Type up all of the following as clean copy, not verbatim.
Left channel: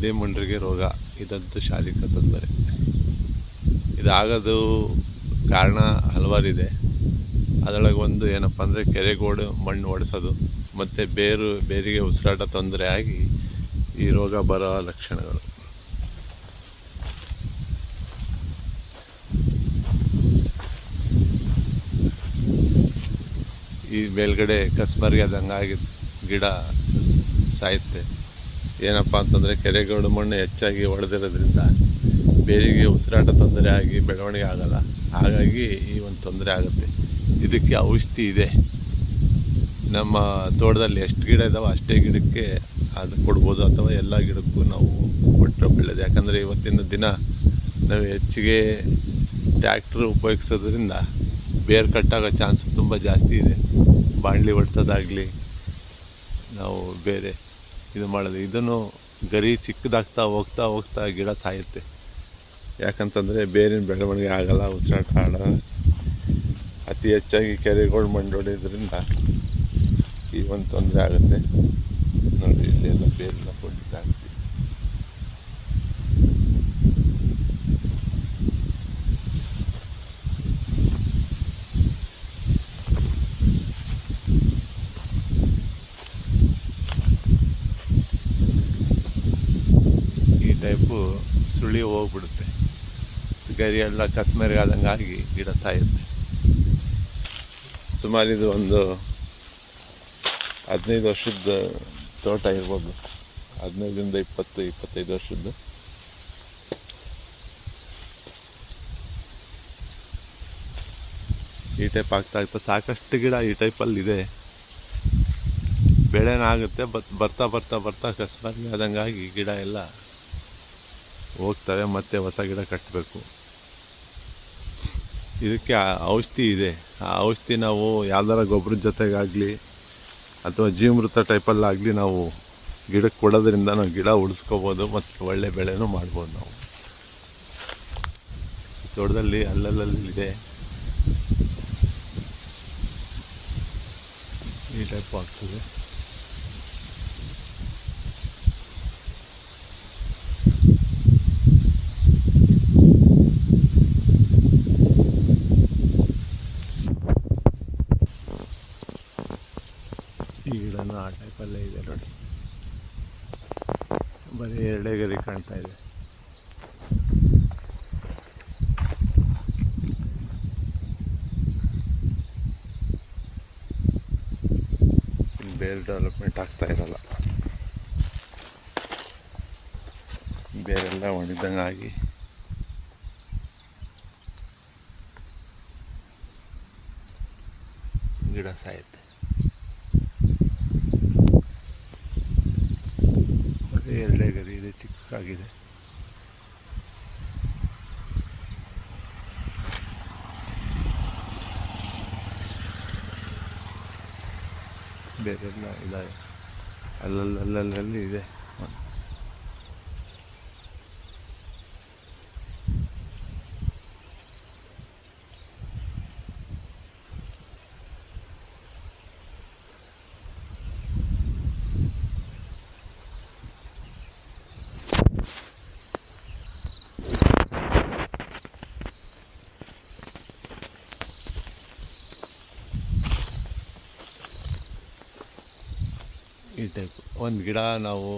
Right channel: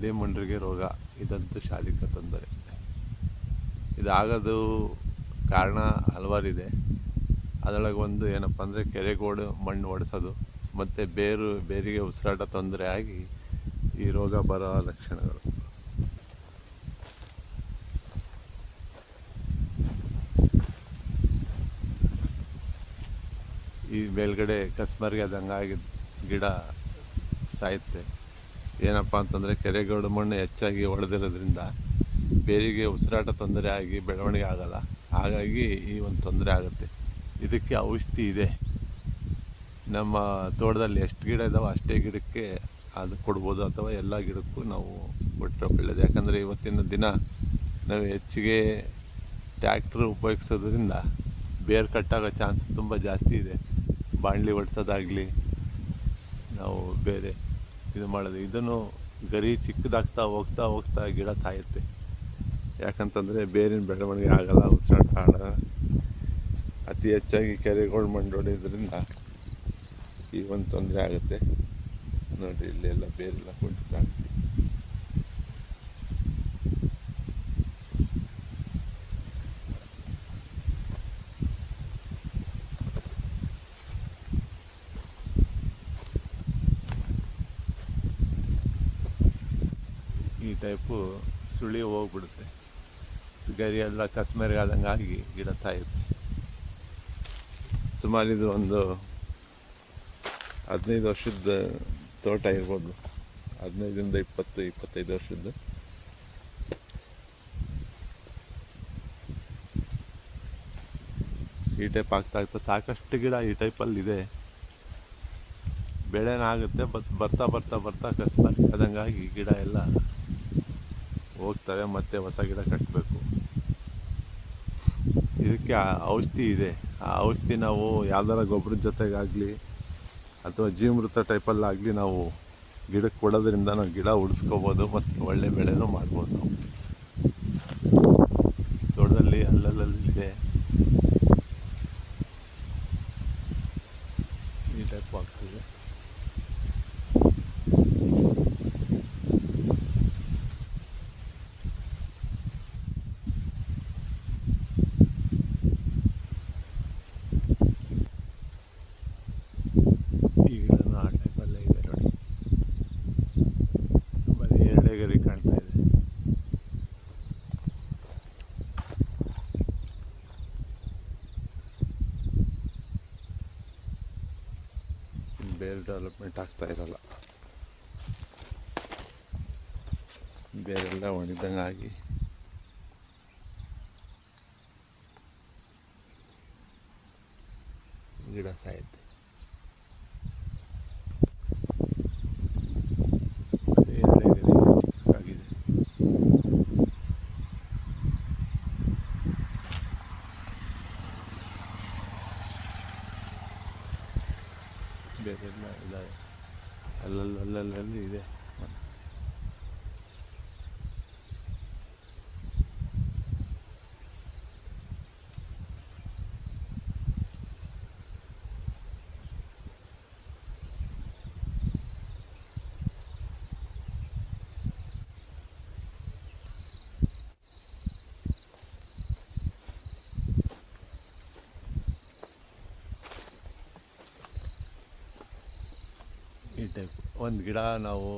ಇದೇ ಮುಂಡ್ರಿಗೆ ರೋಗ, ಇದಂತೂ ಶಾಲಿಕ ತೊಂದರೆ. ಇದಾಗೋದು ಕಾರಣ ಹಲವಾರಿದೆ. ಅದರೊಳಗೆ ಒಂದು ಏನಪ್ಪ ಅಂದರೆ ಕೆರೆಗೋಡು ಮಣ್ಣು ಒಡೆಸೋದು ಮತ್ತು ಬೇರಿಗೆ ಉಸಿರಾಟ ತೊಂದರೆ ಆಗಿ ಈ ರೋಗ ಬರೋ ಲಕ್ಷಣಗಳು. ಈ ಮೇಲ್ಗಡೆ ಕಸ್ಬರ್ಗೆ ಆದಂಗಾಗಿ ಗಿಡ ಸಾಯುತ್ತೆ. ಏನಪ್ಪ ಅಂತಂದರೆ ಕೆರೆಗೋಡು ಮಣ್ಣು ಹೆಚ್ಚಾಗಿ ಒಡೆದಿರೋದ್ರಿಂದ ಬೇರಿಗೆ ಉಸಿರಾಟ ತೊಂದರೆ ಆಗಿ ಬೆಳವಣಿಗೆ ಆಗಲ್ಲ. ಹಾಗಾಗಿ ಈ ಒಂದು ತೊಂದರೆ ಆಗುತ್ತೆ. ಇದಕ್ಕೆ ಔಷಧಿ ಇದೆ. ನಮ್ಮ ತೋಟದಲ್ಲಿ ಎಷ್ಟು ಗಿಡ ಇದ್ದಾವೆ ಅಷ್ಟೇ ಗಿಡಕ್ಕೆ ಅದು ಕೊಡ್ಬೋದು, ಅಥವಾ ಎಲ್ಲ ಗಿಡಕ್ಕೂ ನಾವು ಕೊಟ್ಟರೆ ಒಳ್ಳೆಯದು. ಯಾಕಂದರೆ ಇವತ್ತಿನ ದಿನ ನಾವು ಹೆಚ್ಚಿಗೆ ಟ್ಯಾಕ್ಟ್ರ್ ಉಪಯೋಗಿಸೋದ್ರಿಂದ ಬೇರು ಕಟ್ಟಾಗೋ ಚಾನ್ಸ್ ತುಂಬ ಜಾಸ್ತಿ ಇದೆ. ಬಾಣಲಿ ಹೊಡ್ಸೋದಾಗಲಿ, ನಾವು ಬೇರೆ ಇದು ಮಾಡೋದು, ಇದನ್ನು ಗರಿ ಚಿಕ್ಕದಾಗ್ತಾ ಹೋಗ್ತಾ ಗಿಡ ಸಾಯುತ್ತೆ. ಯಾಕಂತಂದರೆ ಬೇರಿನ ಬೆಳವಣಿಗೆ ಆಗಲ್ಲ, ಉಸಿರಾಟ ಆಡಲ್ಲ. ಅತಿ ಹೆಚ್ಚಾಗಿ ಕೆರೆಗಳು ಮಣ್ಣು ಹೊಡೆಯೋದ್ರಿಂದ ಈ ಒಂದು ತೊಂದರೆ ಆಗುತ್ತೆ. ನೋಡಿ, ಇಲ್ಲೆಲ್ಲ ಬೇರೆಲ್ಲ ಕೊಂಡಿದ್ದಾಗ್ತೀವಿ. ಈ ಟೈಪು ಸುಳಿ ಹೋಗ್ಬಿಡುತ್ತೆ. ಗರಿ ಎಲ್ಲ ಕಸ್ಮರಿಗಾದಂಗೆ ಆಗಿ ಗಿಡ ಸಾಯುತ್ತೆ. ಸುಮಾರು ಇದು ಒಂದು 15 ವರ್ಷದ ತೋಟ ಇರ್ಬೋದು. 15ರಿಂದ 20-25 ವರ್ಷದ್ದು. ಈ ಟೈಪ್ ಆಗ್ತಾ ಸಾಕಷ್ಟು ಗಿಡ ಈ ಟೈಪಲ್ಲಿದೆ. ಬೆಳೆನಾಗುತ್ತೆ, ಬರ್ತಾ ಕಸ್ಬರ್ಗೆ ಆದಂಗಾಗಿ ಗಿಡ ಎಲ್ಲ ಹೋಗ್ತವೆ. ಮತ್ತೆ ಹೊಸ ಗಿಡ ಕಟ್ಟಬೇಕು. ಇದಕ್ಕೆ ಔಷಧಿ ಇದೆ. ಆ ಔಷಧಿ ನಾವು ಯಾವ್ದಾರ ಗೊಬ್ಬರದ ಜೊತೆಗಾಗಲಿ ಅಥವಾ ಜೀವಮೃತ ಟೈಪಲ್ಲಾಗಲಿ ನಾವು ಗಿಡಕ್ಕೆ ಕೊಡೋದ್ರಿಂದ ನಾವು ಗಿಡ ಉಳಿಸ್ಕೋಬೋದು ಮತ್ತು ಒಳ್ಳೆ ಬೆಳೆನೂ ಮಾಡ್ಬೋದು. ನಾವು ತೋಟದಲ್ಲಿ ಅಲ್ಲಲ್ಲಿದೆ ಈ ಟೈಪ್ ಆಗ್ತದೆ. ಗರಿ ಕಾಣ್ತಾ ಇದೆ. ಬೇರೆ ಡೆವಲಪ್ಮೆಂಟ್ ಆಗ್ತಾ ಇರಲ್ಲ, ಬೇರೆಲ್ಲ ಒಣಗಿದಂಗೆ ಆಗಿ ಗಿಡ ಸಾಯುತ್ತೆ. ಅದೇ ಎರಡೇ ಗರಿ ಇದೆ, ಚಿಕ್ಕದಾಗಿದೆ. ಬೇರೆಲ್ಲ ಇದಾವೆ, ಅಲ್ಲಲ್ಲಿ ಇದೆ. ಈ ಟೈಪ್ ಒಂದು ಗಿಡ ನಾವು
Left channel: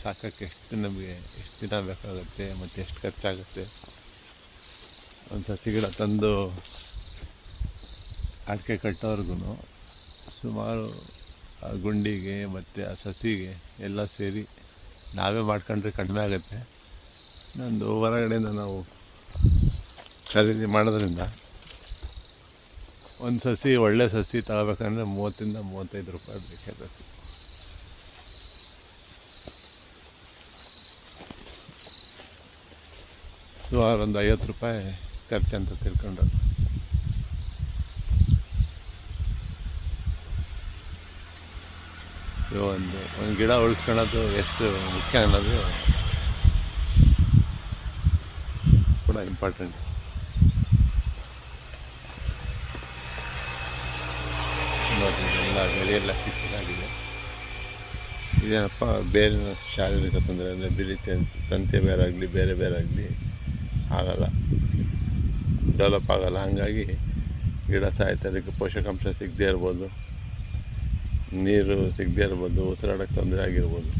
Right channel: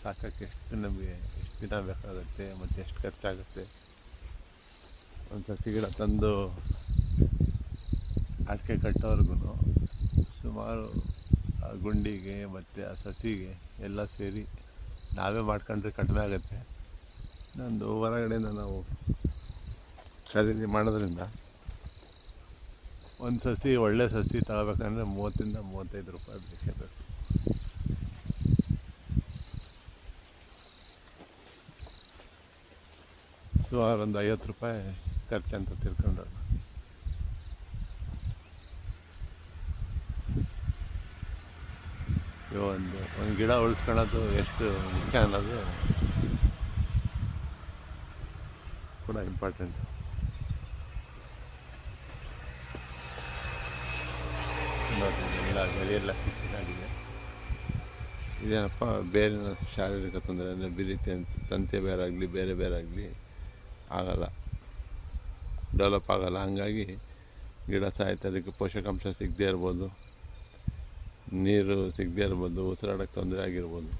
ಸಾಕೋಕ್ಕೆ ನಮಗೆ ಎಷ್ಟು ದಿನ ಬೇಕಾಗುತ್ತೆ ಮತ್ತು ಎಷ್ಟು ಖರ್ಚಾಗುತ್ತೆ. ಒಂದು ಸಸಿ ಗಿಡ ತಂದು ಅಡಿಕೆ ಕಟ್ಟೋರ್ಗು ಸುಮಾರು ಆ ಗುಂಡಿಗೆ ಮತ್ತು ಆ ಸಸಿಗೆ ಎಲ್ಲ ಸೇರಿ ನಾವೇ ಮಾಡ್ಕೊಂಡ್ರೆ ಕಡಿಮೆ ಆಗುತ್ತೆ. ಒಂದು ಹೊರಗಡೆಯಿಂದ ನಾವು ಖರೀದಿ ಮಾಡೋದ್ರಿಂದ ಒಂದು ಸಸಿ, ಒಳ್ಳೆ ಸಸಿ ತಗೋಬೇಕಂದ್ರೆ 30ರಿಂದ 35 ರೂಪಾಯಿ ಬೇಕೇ ಬೇಕು. ಸುಮಾರು ಒಂದು 50 ರೂಪಾಯಿ ಖರ್ಚಂತ ತಿಳ್ಕೊಂಡು ಒಂದು ಗಿಡ ಉಳಿಸ್ಕೊಳ್ಳೋದು ಎಷ್ಟು ಮುಖ್ಯ ಅನ್ನೋದು ಕೂಡ ಇಂಪಾರ್ಟೆಂಟ್. ನೋಡಿ, ಎಲ್ಲ ಬೆಳೆಯೆಲ್ಲ ಚಿಕ್ಕದಾಗಿದೆ. ಏನಪ್ಪ ಬೇರಿನ ಶಾರೀರಿಕ ತೊಂದರೆ ಅಂದರೆ ಬಿಳಿ ತಂತಿ ಬೇರಾಗಲಿ ಬೇರೆ ಆಗಲಿ ಆಗಲ್ಲ, ಡೆವಲಪ್ ಆಗಲ್ಲ. ಹಾಗಾಗಿ ಗಿಡ ಸಾಯುತ್ತೆ. ಅದಕ್ಕೆ ಪೋಷಕಾಂಶ ಸಿಗದೇ ಇರ್ಬೋದು, ನೀರು ಸಿಗದೇ ಇರ್ಬೋದು, ಉಸಿರಾಡೋಕ್ಕೆ ತೊಂದರೆ ಆಗಿರ್ಬೋದು.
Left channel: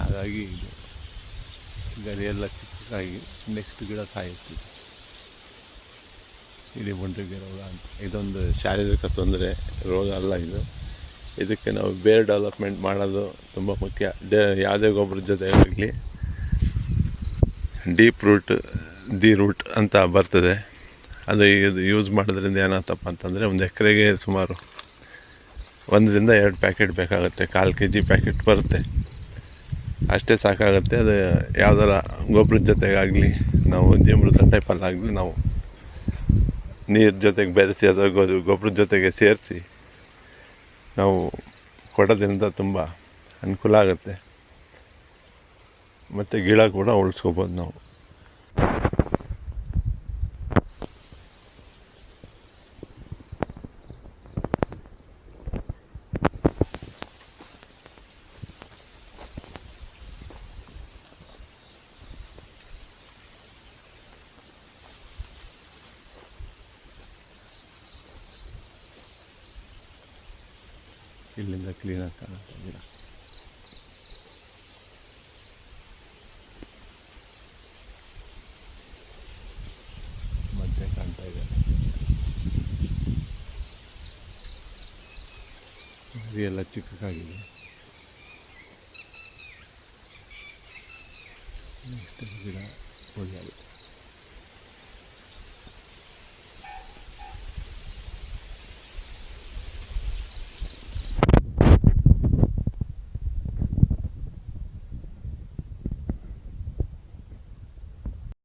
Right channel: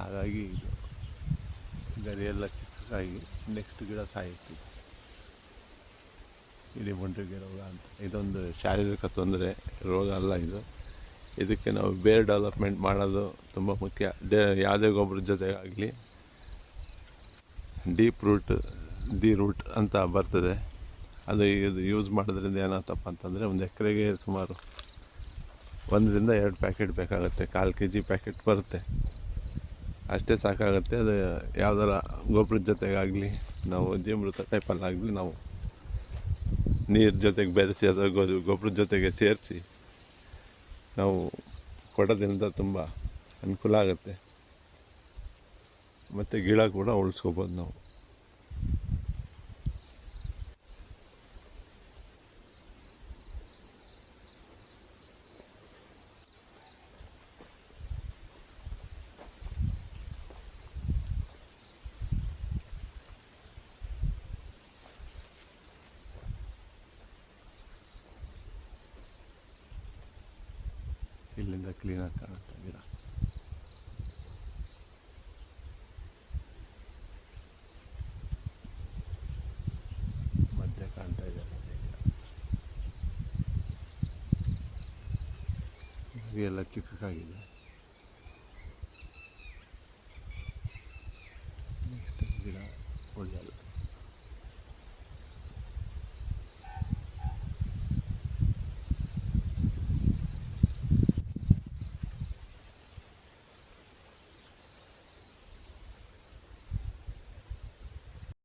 ಹಾಗಾಗಿ ಇದು ಗರಿಯೆಲ್ಲ ಚಿಕ್ಕದಾಗಿ ನೆಕ್ಸ್ಟ್ ಗಿಡ ಸಾಯುತ್ತೆ. ಇಡೀ ಮುಂಡ್ರಿಗೆ ರೋಗ ಅಂತ. ಇದೊಂದು ಶಾರೀರಿಕ ತೊಂದರೆ, ರೋಗ ಅಲ್ಲ ಇದು. ಇದಕ್ಕೆ ನಾವು ಬೇರೆ ಡೆವಲಪ್ಮೆಂಟ್ ಮಾಡೋದು ತುಂಬ ಮುಖ್ಯ. ಯಾವುದೇ ಗೊಬ್ಬರದ ಜೊತೆ ಆಗಲಿ ಡೀಪ್ ರೂಟ್, ದಿ ರೂಟ್ ಅಂತ ಬರ್ತದೆ. ಅದು ಇದು ಯೂಸ್ ಮಾಡೋದ್ರಿಂದ ಏನಾಗ್ತಪ್ಪ ಅಂತಂದರೆ ಒಂದು ಎಕರೆಗೆ ಸುಮಾರು 1 ರಿಂದ 2 ಪ್ಯಾಕೆಟ್ ಬೇಕಾಗುತ್ತೆ. 1/4 kg ಪ್ಯಾಕೆಟ್ ಬರುತ್ತೆ, ಅಷ್ಟೇ ಸಾಕಾಗುತ್ತೆ. ಅದು ಯಾವುದಾರ ಗೊಬ್ಬರದ ಜೊತೆಗಾಗಲಿ, ನಾವು ಜೀವಾಮೃತ ಟೈಪಲ್ಲಾಗಲಿ ನಾವು ನೀರು ಜೊತೆಗೆ ಬೆರೆಸಿ ಅಥವಾ ಗೊಬ್ಬರದ ಜೊತೆಗೆ ಸೇರಿಸಿ ನಾವು ಕೊಡೋದ್ರಿಂದ ತುಂಬ ಅನುಕೂಲ ಆಗುತ್ತೆ. ಮತ್ತು ಗಿಡ ಕೂಡ ಉಳಿಸ್ಕೋಬೋದು ನಾವು. ಇಲ್ಲಿಂದ ಕ್ಲೀನಾಗಿ ಕಾಣುತ್ತಿಲ್ಲ. ಮಧ್ಯೆ ಕಾಣ್ತಾ ಇದೆ. ಎಲ್ಲ ಚಿಕ್ಕದಾಗಿದೆ.